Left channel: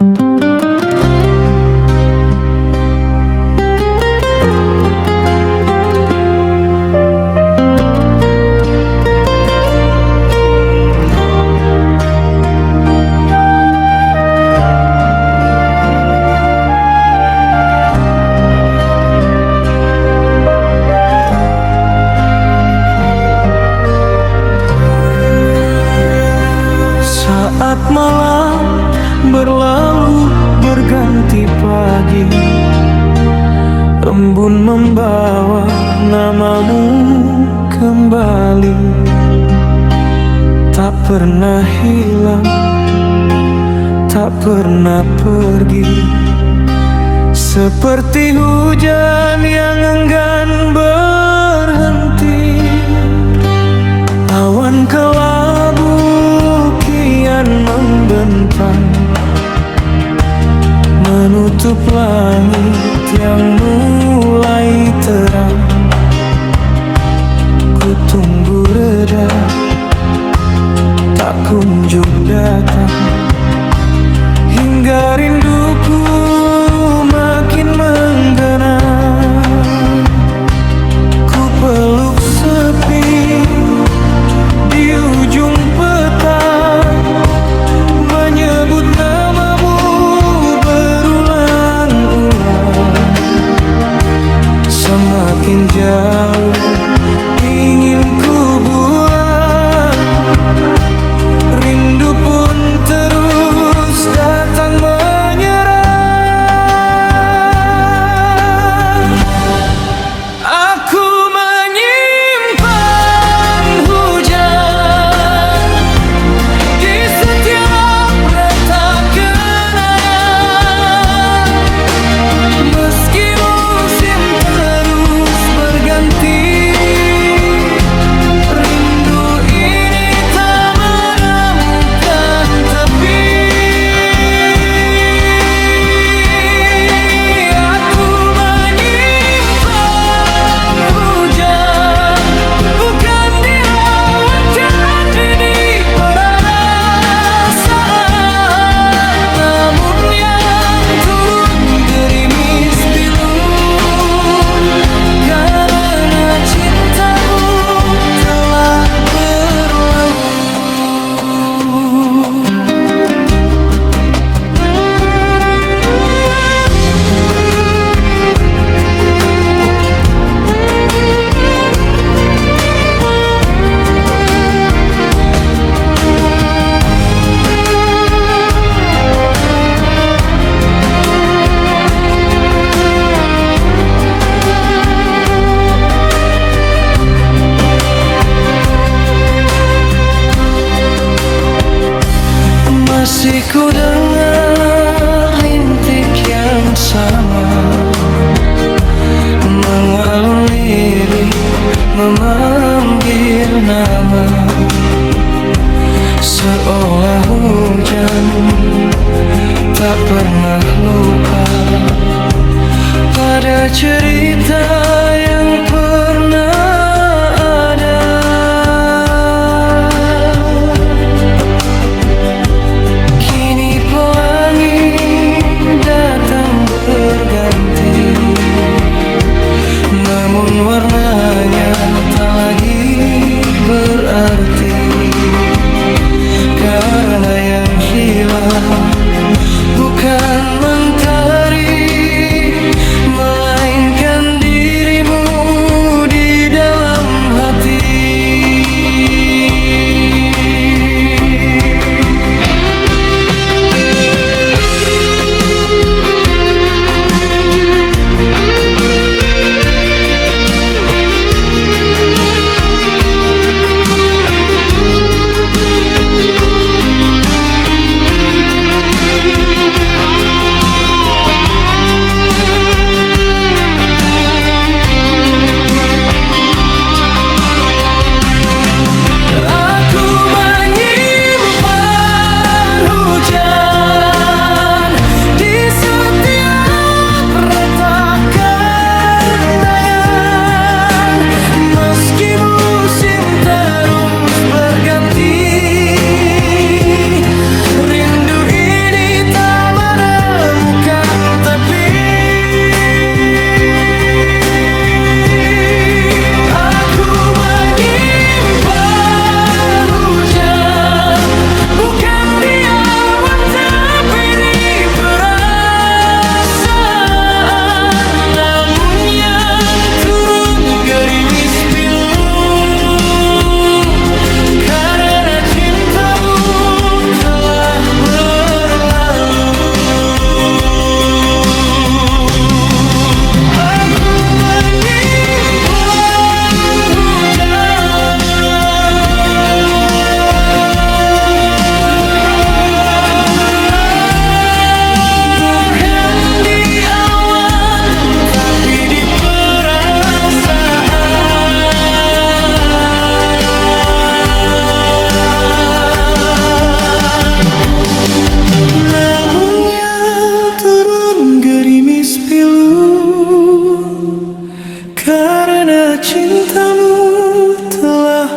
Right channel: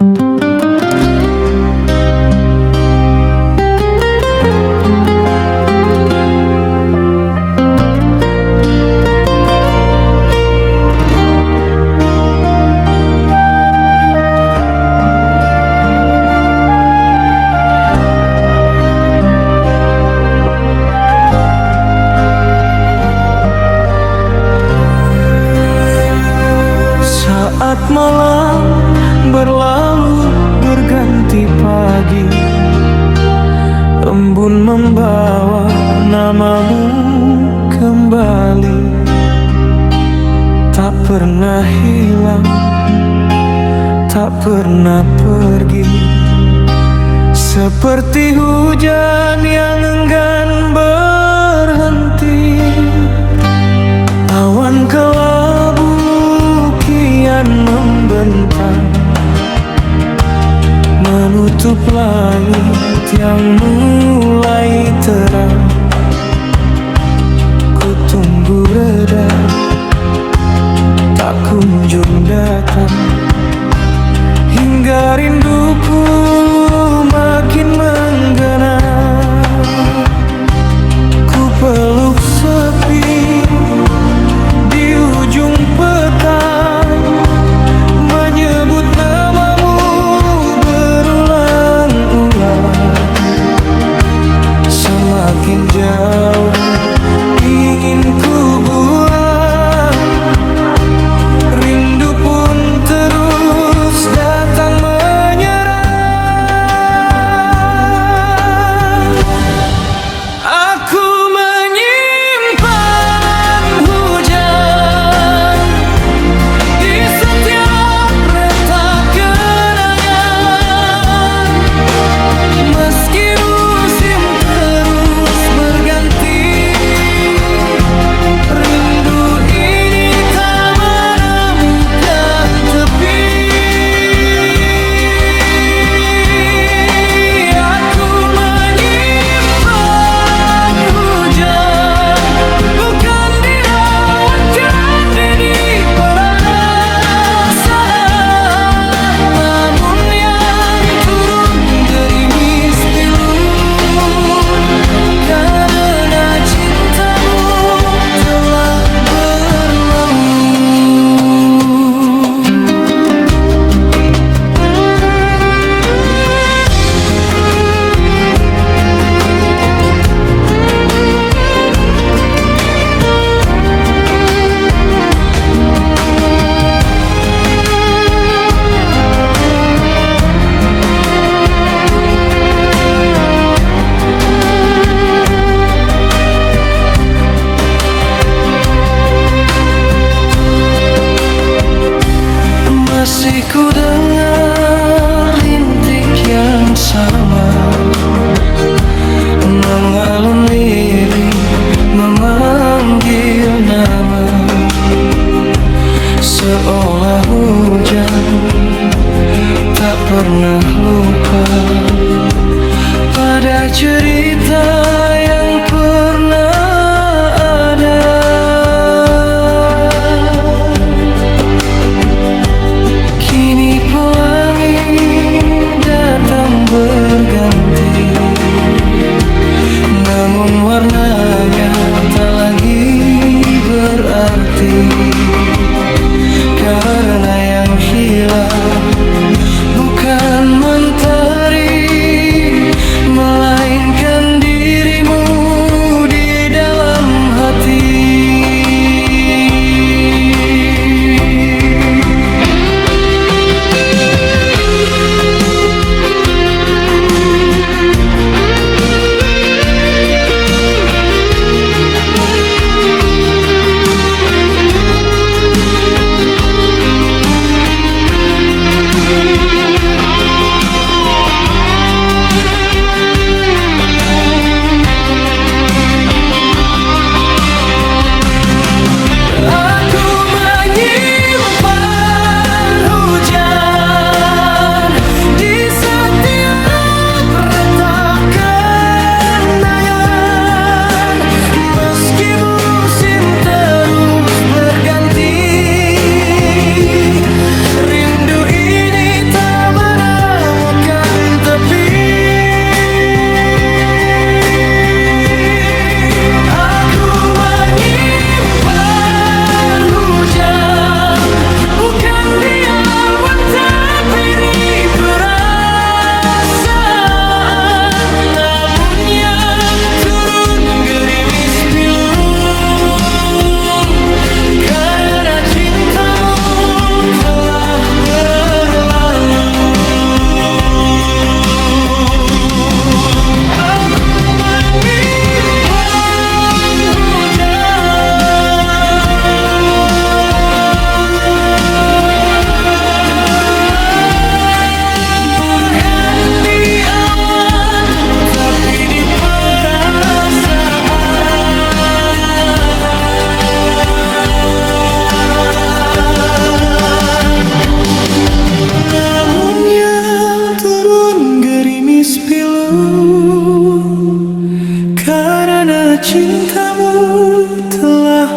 Saat malam berlalu berganti pagi, embun membawa namamu kembali. Tak pernah hilang, tak pernah pergi, seperti hujan yang enggan berhenti. Awan kelabu kian membentang, menutup langit yang mulai terang. Ku tunggu reda, tak kunjung datang, hingga rinduku makin menggena. Ku peluk sepi di ujung petang, menyebut namamu berulang-ulang. Semakin jauh ingin ku buang, rindu pun terus datang menyerang. Aku menyimpan hujan di setiap retak kenangan, meski musim terus berganti. Rindu ini tak menemukan tepi. Aku menyimpan hujan, bukan dirawankan di perasaan, namun yang turun gerimis pilu karena cintamu telah berlalu. Masih ku dengar rintik yang sama mengalun lirik memanggil nama, seolah hujan tak pernah lupa pada cerita yang pernah ada. Kini pelangi datang berganti, namun warnanya tak lagi berarti, karena yang hilang bukan mentari, melainkan dirimu di dalam hati. Daunnya turun gerimis pilu, karena cintamu telah